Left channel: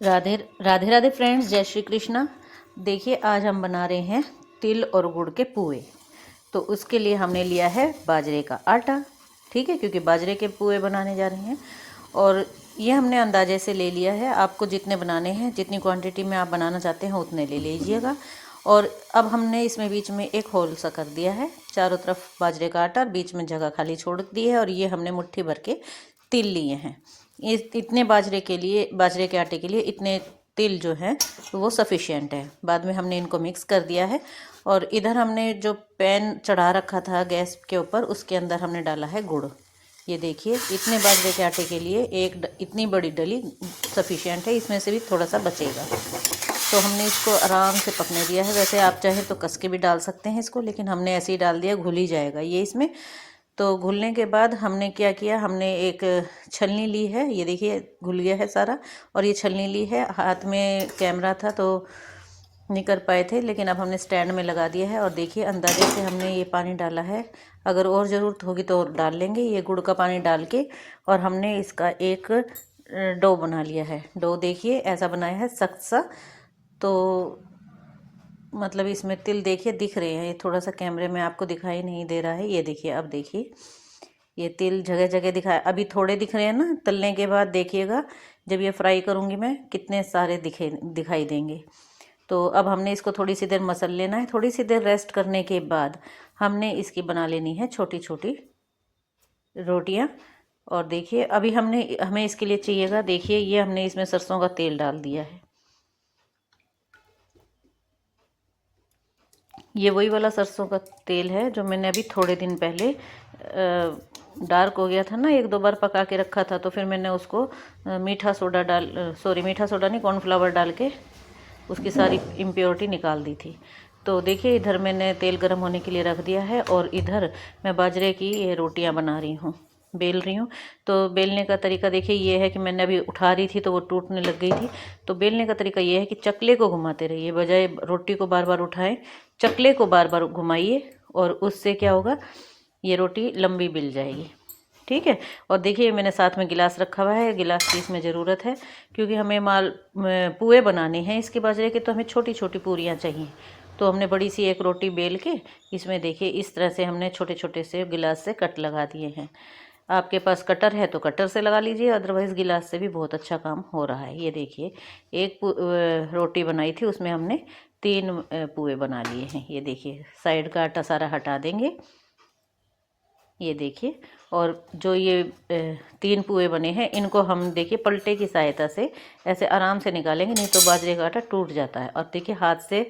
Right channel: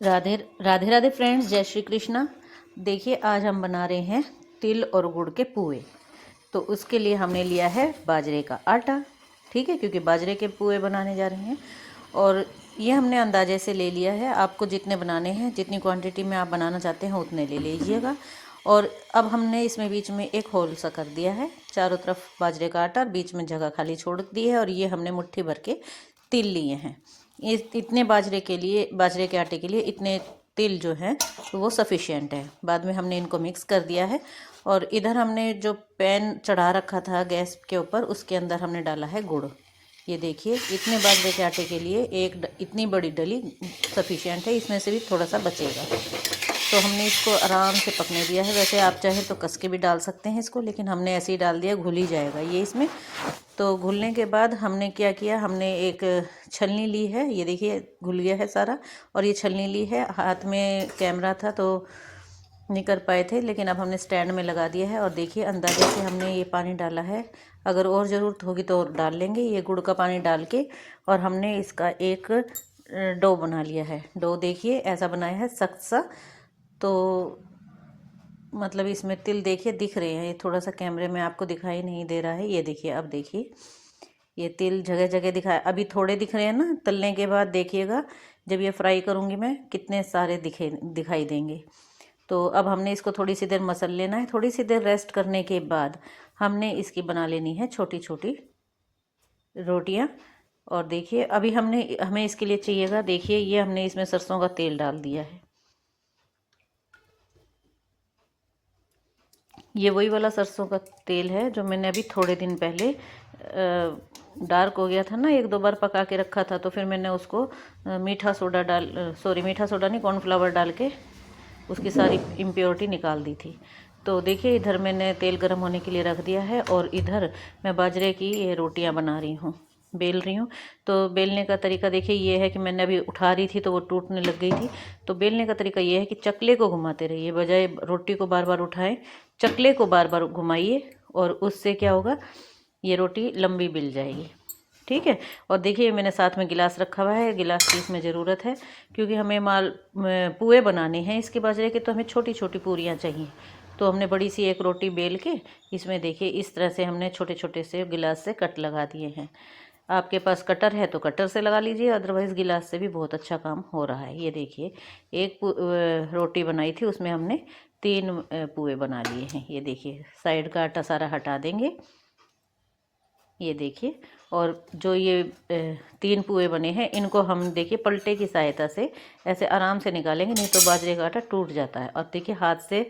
Radhe Radhe Radhe friends, जय श्री कृष्णा। देखिए, आज हम बना रहे हैं तिल और गुड़ के पुए। तो उसके लिए हमने लिया है बाजरे का आटा, ठीक है, क्योंकि बाजरे के पुए बनाने जा रहे हैं। और ये हमने अंदाजे से ले लिया है। आपको जितने बनाने हैं, जितनी क्वांटिटी में आप बनाना चाहते हैं उतने ले लीजिएगा। और अब हमने इसमें बीच में एक होल सा कर दिया है, चारों तरफ बाजरे का आटा, बीच में जगह खाली छोड़ दी है। और ये हमने मुट्ठी भर के तिल लिए हैं। ये इतने बाजरे के लिए, बाजरे के आटे के लिए इतने तिल जो हैं वो सफिशिएंट है। बाद में हमने इनको मिक्स कर दिया है। और इधर हमने जो पैन चढ़ा रखा था गैस के ऊपर, उसके अंदर हमने डाला है गुड़। ये देखिए, इतने बाजरे के आटे के लिए इतनी बड़ी डली सफिशिएंट है। इसमें से भी थोड़ा सा बचेगा। तो हमने इसको आराम से पकने दिया है। वैसे आप चाहें तो कस के भी डाल सकते हैं इसको, लेकिन हमने ऐसे ही डाल दिया, घुल ही जाएगा ये इसमें। तो घुलने के बाद हमने क्या किया, हमने एक छलनी ली है। ये देखिए, घुल गया है सारा। और ये छलनी ली है, हाथ में कैमरा था तो नहीं कर पाए थे, लेकिन अब हमने स्टैंड में लगा दिया है। और देखिए, अंदाजे से हमने ये पानी डाला है। अगर और ज़रूरत होगी तो और डाल लेंगे, ये गुड़ का पानी डाल के। और हमने इसका एक डो बना लिया है। डो देखिए ऐसा बनाया है, सख्त सा। तो मतलब इसमें तिल देखिए दिख रहे हैं। ये थोड़ा सा कैमरे में आपको दिखाई नहीं दे रहा है। ये देखिए, अब देखिए, ये तिल जगह जगह दिखाए। अभी थोड़े दिख रहे हैं ना, तलने के बाद देखिएगा जब ये फ्राई करूँगी मैं, कितने सारे दिखाई देंगे। तो अब हमने इसको थोड़ी सी देर मसल लेना है। थोड़ी सी देर रेस्ट करने के बाद हमने इसकी बना लेनी है छोटी छोटी रोटियां। और देखिए, अभी हमें इसके लिए चाहिएगा, देखिए ये हमने इसमें सरसों का तेल डाल दिया है। ये वही वाला सरसों का तेल है जो मैंने अभी थोड़े दिन पहले डार्क हो गया था ना, एक दो बार पका के रखा था। तो फिर मैंने उसको मीठा सोडा मीठा सोडा नहीं, कॉर्नफ्लावर डाल के उसकी सारी इम्प्योरिटी निकाल दी थी। तो देखिए, इधर मैंने तेल गर्म होने के लिए रख दिया है। और इधर मैं बाजरे की ये रोटियां बना रही हूँ, बेल रही हूँ। तो बेलने का तरीका देखिए ये है कि मैंने अभी उठा रही थी तो वो टूटने लग गई थी। तो बेलने का तरीका ये है कि चकले को घुमाते रहिए, बजाय रोटी को बार बार उठाएं, चकले को बार बार घुमाइए। और उससे क्या होगा, ये रोटी लंबी बिल जाएगी, ठीक है। और देखिए, मैंने साथ में गिलास रखा हुआ है। गिलास की इसमें ज़रूरत है क्योंकि हमें पुए बनाने हैं इसके बाजरे के, तो हमें छोटी छोटी पूरियाँ चाहिए। तो हमने बड़ी सी एक रोटी बेल के इसमें देखिए इस तरह से हमने छोटे छोटे से गिलास से कट लगा दिए हैं। आपके पास कटर है तो कटर से लगा लीजिए, अदरवाइज़ गिलास से भी बहुत अच्छा काम हो रहा है। ये देखिए, एक रोटी बनाई थी, उसमें हमने 3 पुए बना लिए हैं। ये देखिए, साइड का आटा सारा हटा देंगे, ये देखिए। और जो ये 3 पुए बने हैं, इनको हम देखिए पलटे की सहायता से ऐसे आराम से निकालेंगे, नहीं तो बाजरे का आटा टूट जाता है। और देखिए, हाथ से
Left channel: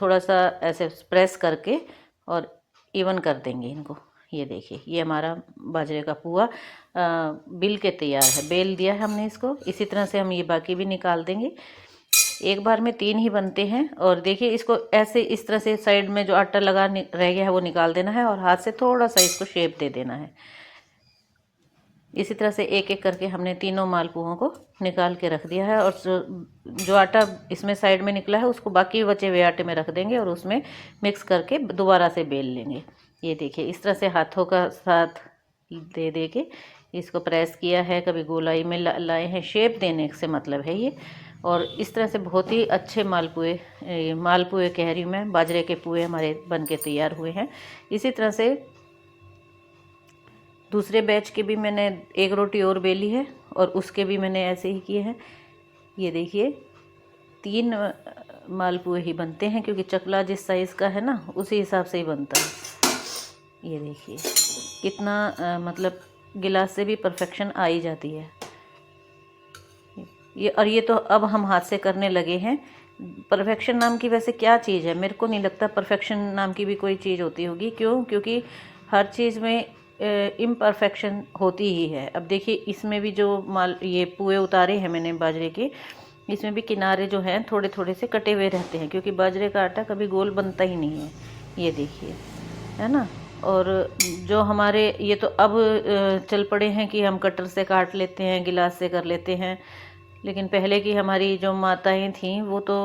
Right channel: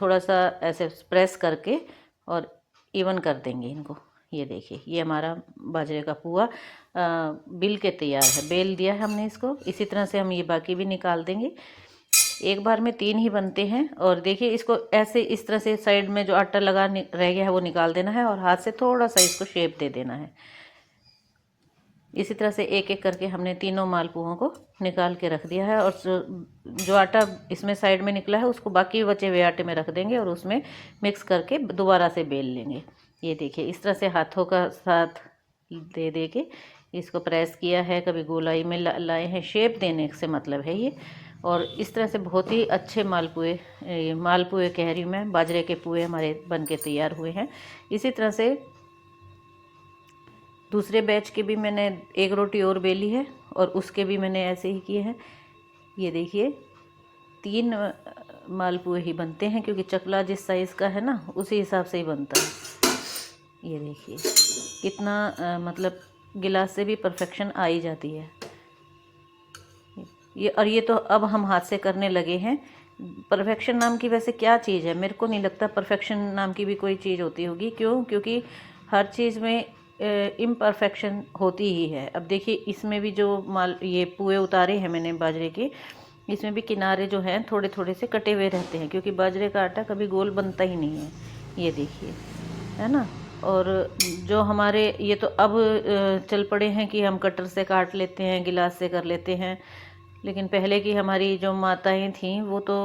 थोड़ा सा ऐसे प्रेस करके और इवन कर देंगे इनको। ये देखिए, ये हमारा बाजरे का पुआ बिल के तैयार है। बेल दिया है हमने इसको। इसी तरह से हम ये बाकी भी निकाल देंगे। एक बार में 3 ही बनते हैं। और देखिए, इसको ऐसे इस तरह से साइड में जो आटा लगा रह गया है वो निकाल देना है, और हाथ से थोड़ा सा इसको शेप दे देना है। इसी तरह से एक एक करके हमने तीनों मालपुओं को निकाल के रख दिया है। और जो आटा इसमें साइड में निकला है उसको बाकी बचे हुए आटे में रख देंगे और उसमें मिक्स करके दोबारा से बेल लेंगे। ये देखिए, इस तरह से हाथों का साथ दे दे के इसको प्रेस किया है, कभी गोलाई में लाए हैं। शेप देने से मतलब है ये। और इस तरह से बहुत ही अच्छे मालपुए कह रही हूँ मैं, बाजरे के पुए हमारे बन के तैयार हुए हैं। इसी तरह से दूसरे बैच के भी मैंने एक रोटी और बेली है और उसके भी मैंने ऐसे ही किए हैं। ये देखिए, 3 मालपुए ही बनते हैं क्योंकि चकला जिस साइज़ का है ना, उसी हिसाब से ही बनता है। ये देखिए कितना मतलब गिलास से भी परफेक्शन आ ही जाती है ये। और ये तो अब हम हाथ से करने लगे हैं। परफेक्शन नाम की वैसे क्या चीज़ है, मेरे को नहीं लगता परफेक्शन नाम की भी कोई चीज़ होती होगी। क्यों? क्योंकि हर चीज़ में इम्परफेक्शन होती ही है। अब देखिए, इसमें भी जो ये पुए उतारे हैं मैंने बाजरे के, इसमें भी किनारे जो हैं थोड़े थोड़े से कटे हुए रहते हैं, क्योंकि बाजरे का आटा कभी गोल बनता ही नहीं है। ये देखिए, है ना। और जो हमारे ये तो अब चल पड़े हैं कि हम कटर से काट लेते हैं, गिलास से कर लेते हैं। लेकिन पहले की हमारी जो माताएं थीं वो तो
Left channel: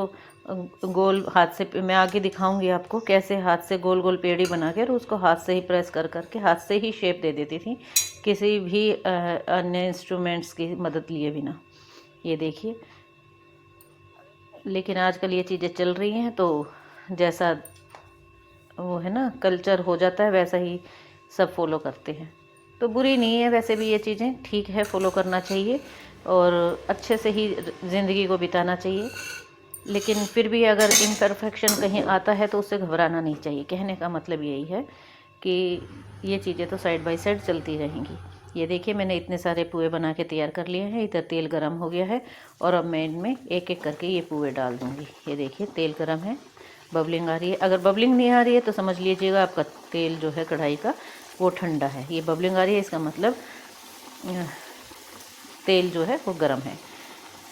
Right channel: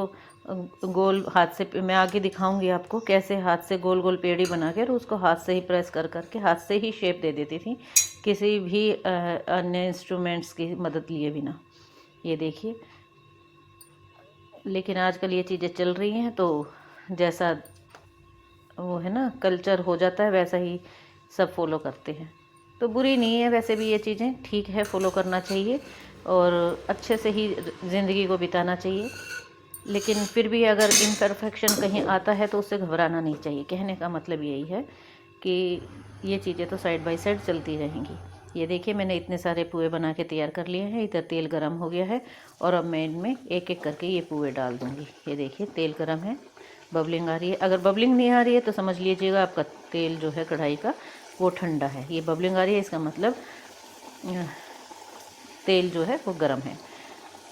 गोल हाथ से, मैं आगे दिखाऊंगी आपको कैसे हाथ से गोल गोल पेड़ी बना कर उसको हाथ से ही प्रेस कर करके हाथ से ही शेप दे देती थी, किसी भी अन्य इंस्ट्रूमेंट्स की मदद लिए बिना। ये देखिए, लेकिन आजकल ये चीज़ें चल रही हैं तो जैसा वो है ना कल्चर हो जाता है वैसा ही सब फॉलो करते हैं। तो बुरी नहीं है वैसे भी ये चीज़ें, ठीक है, फॉलो करना चाहिए और अच्छे से ही ज़िंदगी को बिताना चाहिए। लेकिन फिर भी अगर इम्परफेक्शन कहीं आता है तो उससे घबराना नहीं चाहिए। कहने का मतलब यही है कि ये चीज़ें तो साइड बाय साइड चलती रहेंगी। ये देखिए मैंने इतने सारे पुए बना के तैयार कर लिए हैं। इधर तेल गरम हो गया है और अब मैं इनमें एक एक करके ये पुए डाल दूँगी। ये देखिए तेल गरम है, बबलिंग आ रही है। अगर बबलिंग नहीं आ रही है तो समझ लीजिएगा आपका तेल जो है कढ़ाई का वो ठंडा है। ये बबलिंग आ रही है इसका मतलब तेल जो है वो गर्म है।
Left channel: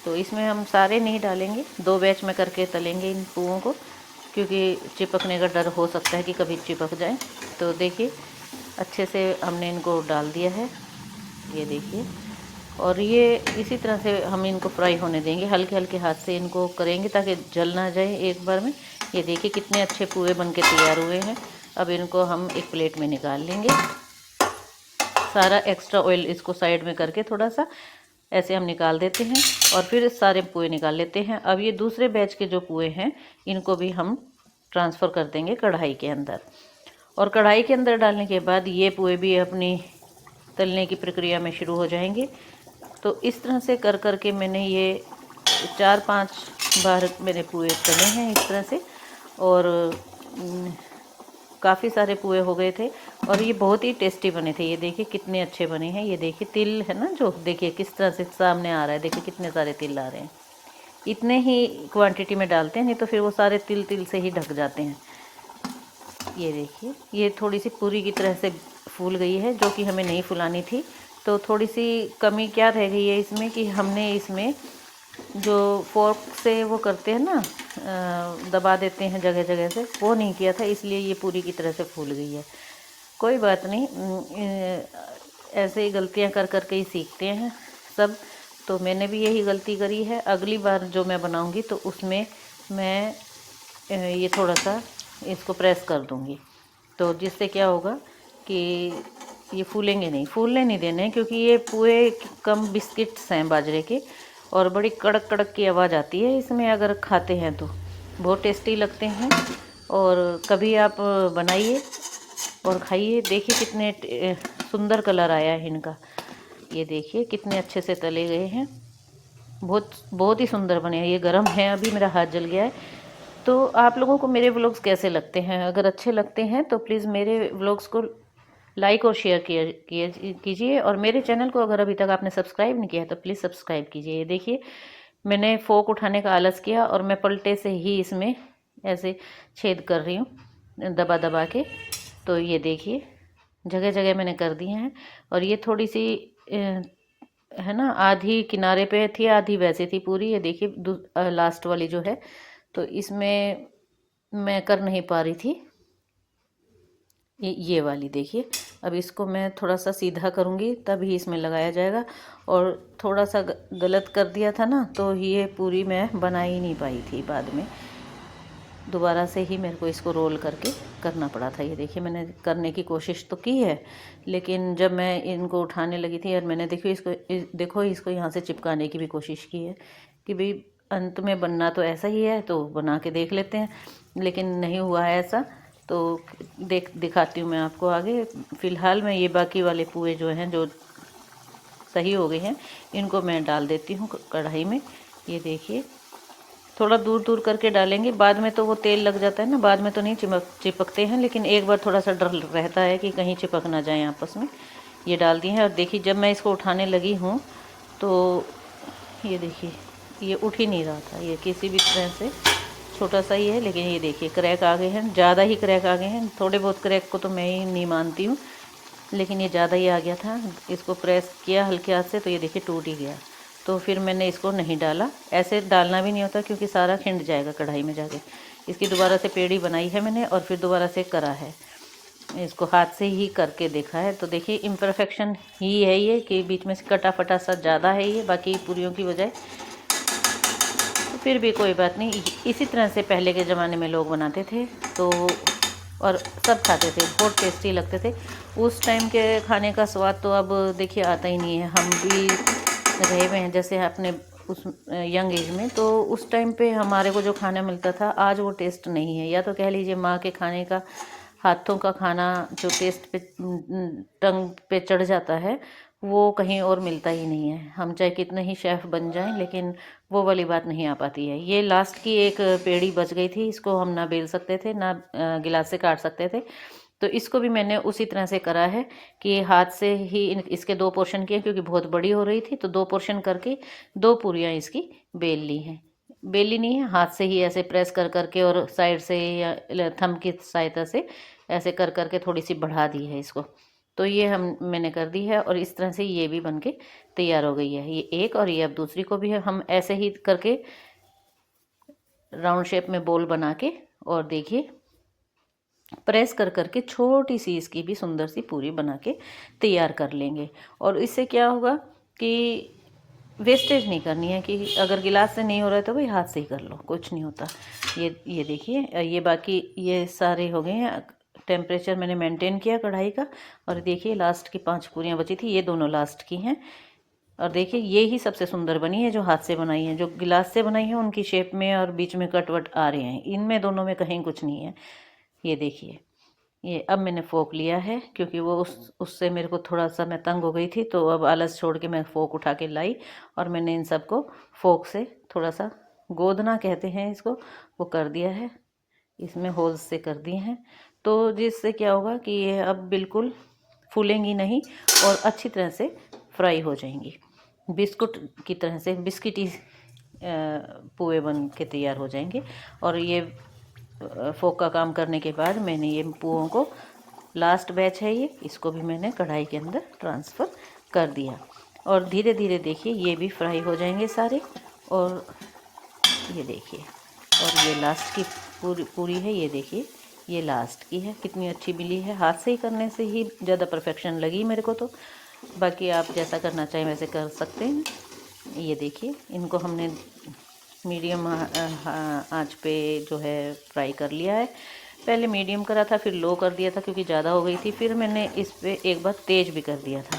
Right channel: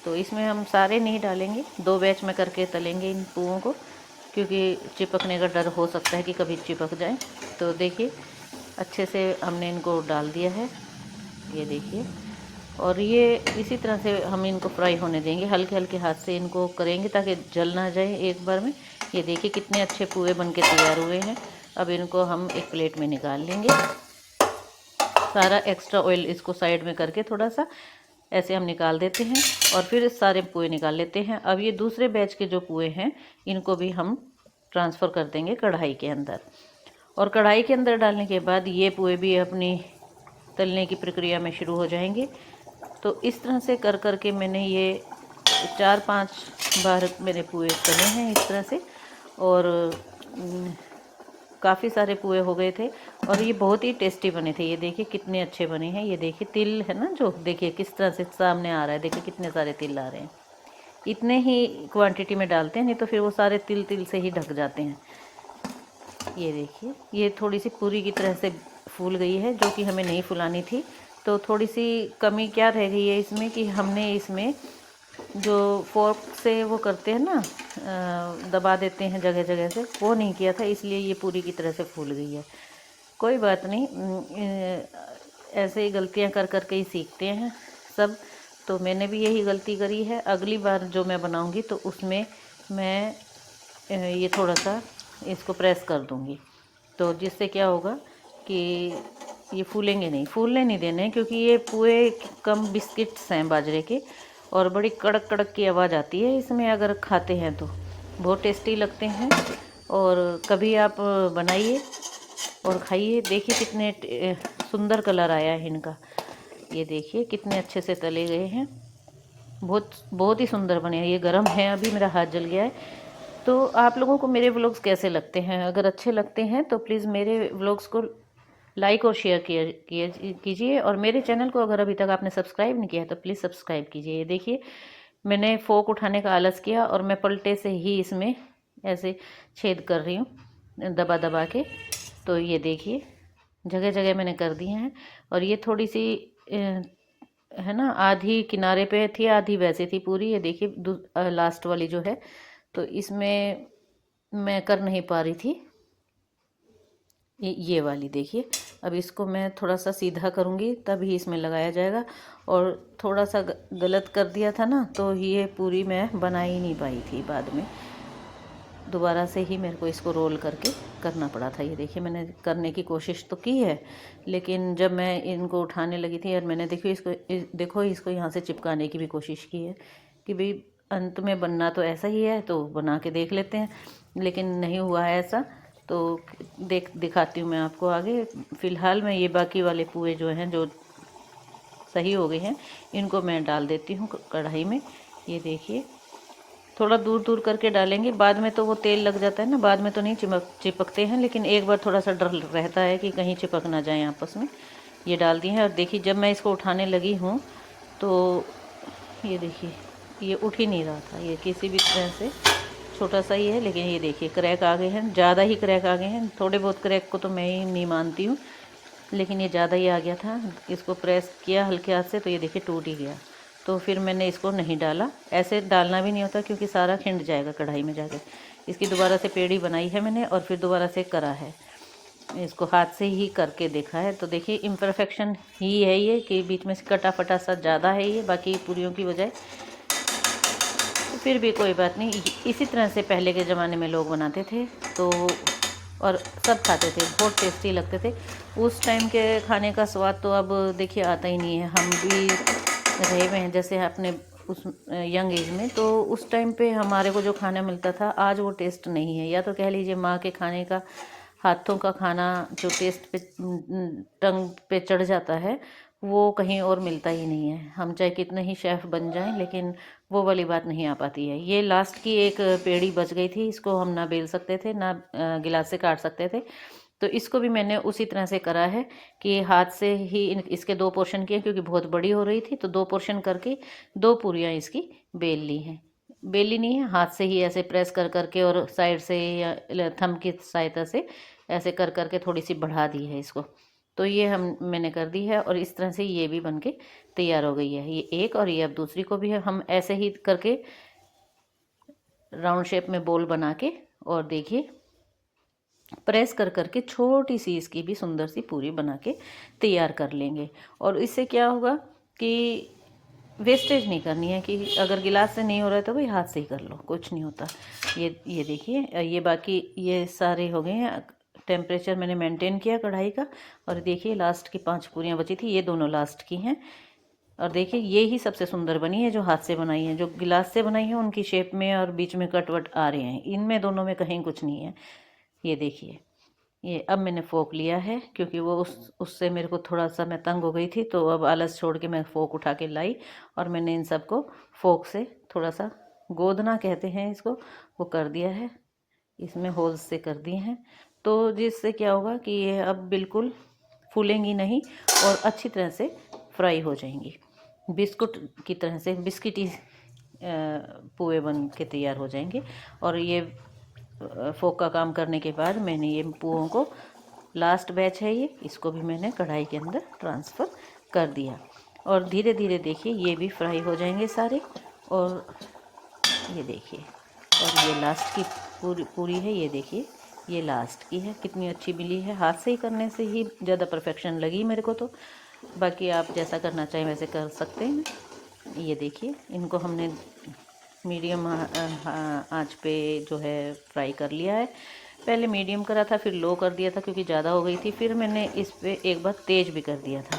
तो इसमें हम सारे नहीं डालेंगे, 2 बैच में करके तलेंगे इन पुओं को, क्योंकि चिपकने का डर हो सकता है कि कभी चिपक जाए। तो देखिए अच्छे से हमने इनको डाल दिया है, ये देखिए। और ये इसी तरह से हम इनको फ्राई होने देंगे, हल्के हल्के हाथ से इनको करेंगे ताकि जल ना जाए एक बार में। ये देखिए कितने अच्छे पुए बन के तैयार हुए हैं। अब इनको हम एक प्लेट में निकाल लेंगे। सारा एक्स्ट्रा ऑयल इसको साइड में करके थोड़ा सा ऐसे हम निकाल देते हैं और फिर सारे पुए निकाल लेते हैं। अब ये दूसरे बैच के जो पुए हैं इनको भी हम ट्रांसफ़र कर देंगे कढ़ाई के अंदर। और कढ़ाई के अंदर डालने के बाद ये पुए भी अपनी तलने की प्रक्रिया में शुरू हो जाएंगे। तो इस तरह से कर कर के मैंने ये 4-5 बार मेरे पुए तले हैं इस तरह से। और काफ़ी सारे पुए हो गए थे और ये बहुत ही टेस्टी बने थे। ये देखिए कितने अच्छे बने हैं। ये देखिए तिल है ना, जो देखिए किस तरह से सामने आ रहा है। देखिए कितने सारे तिल आ रहे हैं। इतने ही क्वांटिटी में डालते हैं, नहीं तो फिर वो सारे तिल तिल से ही ढक जाते हैं। ये देखिए ये थोड़ी सी पूरी की तरह से फूल गई है, जो कि हमें नहीं फुलानी थी। तो थोड़ी सी कमी क्या रह गई है इसमें कि हमने इसमें जो फोर्क से वो करते हैं ना, दबा देते हैं जगह जगह से, वो नहीं किया था, इसलिए ये पूरी की तरह से फूल गई है। कोई बात नहीं, ऐसे ही गलतियां कर कर के ही सीखते हैं सब। तो मैंने भी यही गलती करी है। अगली बार जो मैं बनाऊंगी तो उसमें मैं ये थोड़ा सा इसको प्रेस कर दूंगी, तो जिससे क्या होगा कि ये फूलेंगे नहीं, फूलने नहीं देने, क्योंकि ये पुए कम बिस्किट्स हैं बाजरे के और बड़ी कड़क कड़क की आवाज़ आती है इसमें अगर खाते हैं तो। बहुत टेस्टी लगते हैं और कभी आप बनाइए और खाइए। देखिए कितने सुंदर कलर आया है इनका। ये देखिए कितने अच्छे से तले गए हैं, बहुत बहुत ही सुंदर बने हैं। ये गर्म है, अभी मेरा हाथ जल गया है। तो आप लोगों को मेरे व्लॉग्स कैसे लगते हैं? अगर अच्छे लगते हैं तो प्लीज़ मेरे व्लॉग्स को लाइक और शेयर कीजिए। और मेरे चैनल को अगर अभी तक आपने सब्सक्राइब नहीं किया है तो प्लीज़ सब्सक्राइब कीजिए। ये देखिए मैंने फोक उठाने का आलस किया और मैं पलटे से ही इसमें ऐसे छेद कर रही हूँ दबा दबा के। तो ये देखिए जगह जगह मैंने कर दिए हैं। और ये थोड़ी सी है ना, आधी किनारे पे थी आधी वैसे थी पूरी। ये देखिए लास्ट वाली जो है, तो इसमें मैं कर नहीं पा रही थी ये वाली। देखिए अब इसको मैं थोड़ा सा सीधा करूँगी तभी इसमें लगाया जाएगा। और थोड़ा सा गलत कर दिया था ना, तो ये पूरी मैं बना ही नहीं पाई थी। बाद में दोबारा से ही मेरे को इसको रोल करके करना पड़ा था। ये देखिए मैंने करने की कोशिश तो की है, लेकिन जब मैं इनको उठाने लगी थी और मैंने देखो इसको यहाँ से चिपकाने की भी कोशिश की है कि भाई अंत में बनना तो ऐसा ही है, तो बना के देख लेते हैं, लेकिन नहीं हुआ है ऐसा। तो दिखाती हूँ मैं आपको आगे। फ़िलहाल मैं ये बाकी वाले पुए जो हैं जो सही हो गए हैं इनको मैं डाल देती हूँ कढ़ाई में। ये देखिए थोड़ा दूर दूर करके डालेंगे, बाद में तो वो तेल लग जाता है ना, बाद में तो नहीं चिपकते हैं, लेकिन एक बार थोड़ा सा डर रहता है कि कहीं चिपक ना जाए आपस में। ये डाल दिए हैं और देखिए जब मैं इसको उठाने लगी हूँ तो ये देखिए ये उठ ही नहीं रहा था। ये किसी भी तरह से छोटा सा ही है, लेकिन ये देखिए क्रैक आ गए हैं, ज़्यादा ही क्रैक आ गए हैं। थोड़े बहुत क्रैक को तो मैं ही नहीं मानती हूँ, लेकिन ये ज़्यादा ही आ गया था। इसको प्रेस किया हल्के हाथ से तो ये देखिए टूट ही गया। तो फिर मैंने इसको नहीं डाला, ऐसे डालना भी नहीं होता क्योंकि सारा खिंड जाएगा कढ़ाई में जाके। इसकी दोबारा से पेड़ी बनाई है मैंने और फिर दोबारा से करा है, इसको हाथ से ही करके देखा है। तो देखिए इम्परफेक्शन ही है ये कि बीच में से कटा फटा सा ज़्यादा है ये बाकी पूरियों की बजाय। फिर भी कोई बात नहीं, इसी तरह से पहले के ज़माने में लोग बनाते थे तो और सब खाते थे, बहुत टेस्टी लगते थे। उस टाइम के खाने का स्वाद तो अब देखिए आता ही नहीं है। हम भी रहे हुए हैं, जैसे आपने उस यंग एज में, तो उस टाइम पे हमारे को जो खाना मिलता था आज वो टेस्ट नहीं है। या तो कह लीजिए माँ के खाने का, हाथों का खाना जो टेस्ट पे टंग पे चढ़ जाता है वो कहीं और मिलता ही नहीं है। हम चाहे कितने ही शेफ़ बन जाएं लेकिन वो वाली बात नहीं आ पाती है। ये लास्ट की एक पेड़ी बच गई थी, इसको हम ना बेल सकते थे ना गिलास से काट सकते थे, तो इसको भी मैंने उसी तरह से करा है कि हाथ से ही इसके 2 पोर्शन किए, क्योंकि बहुत बड़ी हो रही थी तो 2 पोर्शन करके 2 पूरियाँ इसकी बेल ली हैं। बेली नहीं है, हाथ से ही ऐसे प्रेस कर करके और साइड से या थंब की सहायता से ऐसे कर करके थोड़ी सी बढ़ा दी है इसको। तो ये मैंने कर दी है और इस तरह से ये भी बनके तैयार हो गई है। ये एक, और ये अब दूसरी को भी है हम ऐसे ही करके राउंड शेप में बोल बना के, और देखिए प्रेस कर करके छोटी सी इसकी भी सुंदर सी पूरी बना के तैयार कर लेंगे। और इससे क्या होगा कि वेस्टेज नहीं करनी है, कि अगर गिलास से नहीं हो रहा है तो भाई हाथ से ही कर लो, कुछ नहीं होता। ये देखिए, ये बाकी ये सारे हो गए हैं। टेम्परेचर मैंने मेंटेन किया कढ़ाई का, और देखिए लास्ट की 5 पूरियाँ बची थी, ये दोनों लास्ट की हैं। और देखिए ये ही सबसे सुंदर बनी है जो हाथ से बनाई है। जो गिलास से बनाई है उनकी शेप में और बीच में कट वट आ रहे हैं, इनमें दोनों में कहीं कुछ नहीं है। ये देखिए, ये अब मैंने फोक लिया है क्योंकि वो उससे मेरे को थोड़ा सा मैं तंग हो गई थी, तो अब आलस छोड़ के मैं फोक उठा के लाई और मैंने इन सबको फोक से थोड़ा सा गोदना कहते हैं इसको, वो कर दिया है, इसमें होल्स से कर दिए हैं। तो जिससे क्या होगा कि ये अब बिल्कुल फूलेंगी नहीं और अच्छी तरह से फ्राई हो जाएंगी, बिस्कुट की तरह से, बिस्किटी पुए बन के तैयार हो जाएंगे। और ये फोक का काम करने के बाद मैंने ये पुओं को, लास्ट बैच है ये, इसको भी मैंने कढ़ाई के अंदर ट्रांसफ़र कर दिया। और धीरे धीरे देखिए ये भी फ्राई हो जाएंगे सारे। और ये देखिए, और ये लास्ट की पूरी है, ये देखिए ये लास्ट की है, कितनी अच्छी मिली है। हाथ से ही करने से ही ज़्यादा परफेक्शन लगी मेरे को तो, बाकी आप जैसा करना चाहें वैसे कर सकते हैं। ये देखिए इनको हमने मीडियम आंच पे जो है फ्राई कर लिया है। पहले मीडियम करा था, फिर लो कर दिया था क्योंकि ज़्यादा हो गई थी, फिर मैंने इस पे एक बार तेज़ भी कर दिया था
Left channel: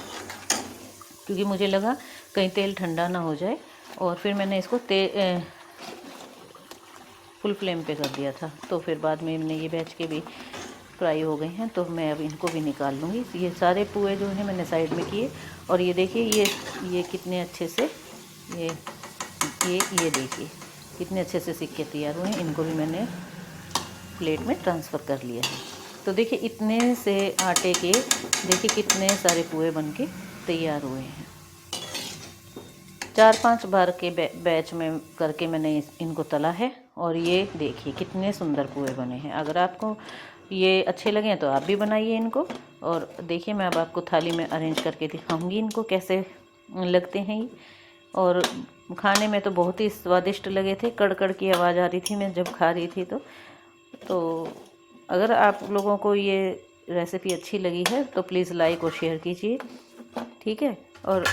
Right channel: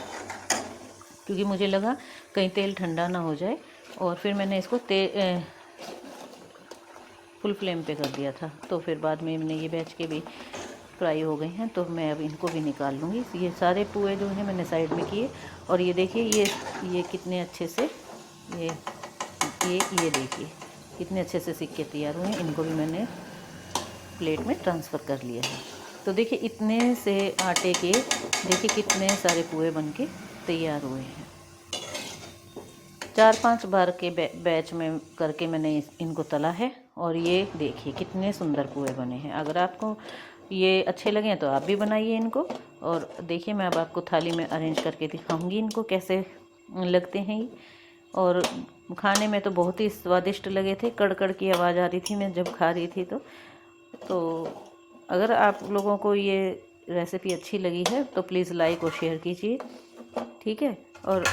क्योंकि मुझे लगा कहीं तेल ठंडा ना हो जाए। और फिर मैंने इसको फुल फ्लेम पे कर दिया था। तो फिर बाद में मैंने ये बैच के भी फ्राई हो गए हैं, तो मैं अब इनको भी निकाल लूँगी। ये सारे पुए जो हैं मैंने साइड में किए। और ये देखिए ये कितने अच्छे से ये देखिए कितने अच्छे से सिक्के तैयार हुए। इनको भी मैंने प्लेट में ट्रांसफ़र कर लिया है। तो देखिए इतने से आटे के देखिए कितने सारे पुए बनके तैयार हुए हैं। 4-5 बार के बैच में करके मैंने इनको तला है। और ये देखिए कितने सुंदर पुए बने हैं। अगर आपको ये अच्छे लगें तो आप भी बनाइए इनको। और देखिए मैं अब आपको थाली में अरेंज करके दिखाऊंगी इनको कैसे लगते हैं ये। और खाने में तो बहुत ही स्वादिष्ट लगे थे, कड़कड़ की आवाज़ आ रही थी मैं जब खा रही थी। तो अगर आप लोगों को ये रेसिपी अच्छी लगी है तो प्लीज़ लाइक और शेयर कीजिए, ठीक है। और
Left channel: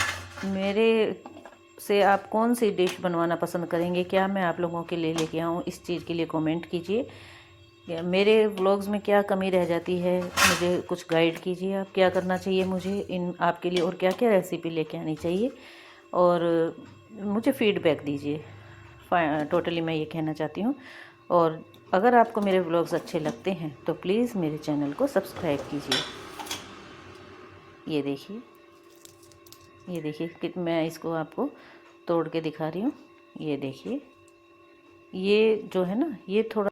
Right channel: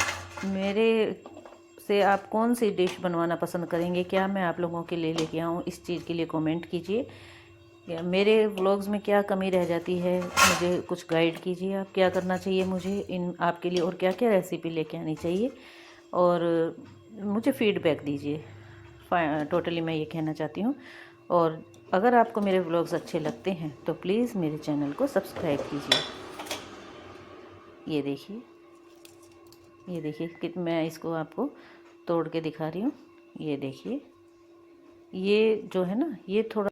मेरे से आप कौन सी डिश बनवाना पसंद करेंगे, क्या मैं आप लोगों के लिए लेके आऊँ, इस चीज़ के लिए कमेंट कीजिए। मेरे व्लॉग्स में क्या कमी रह जाती है मुझे कुछ गाइड कीजिए, आप क्या करना चाहिए मुझे इन आपके लिए, और क्या क्या रेसिपी लेके आनी चाहिए, और मुझे फीडबैक दीजिए। टोटली मैं ये कहना चाहती हूँ। और अगर आपको मेरे व्लॉग्स अच्छे लगते हैं तो प्लीज़ मेरे चैनल को सब्सक्राइब कीजिए। ये देखिए कि मैं इसको आपको तोड़ के दिखा रही हूँ। ये देखिए ये जो है ना, ये थोड़ा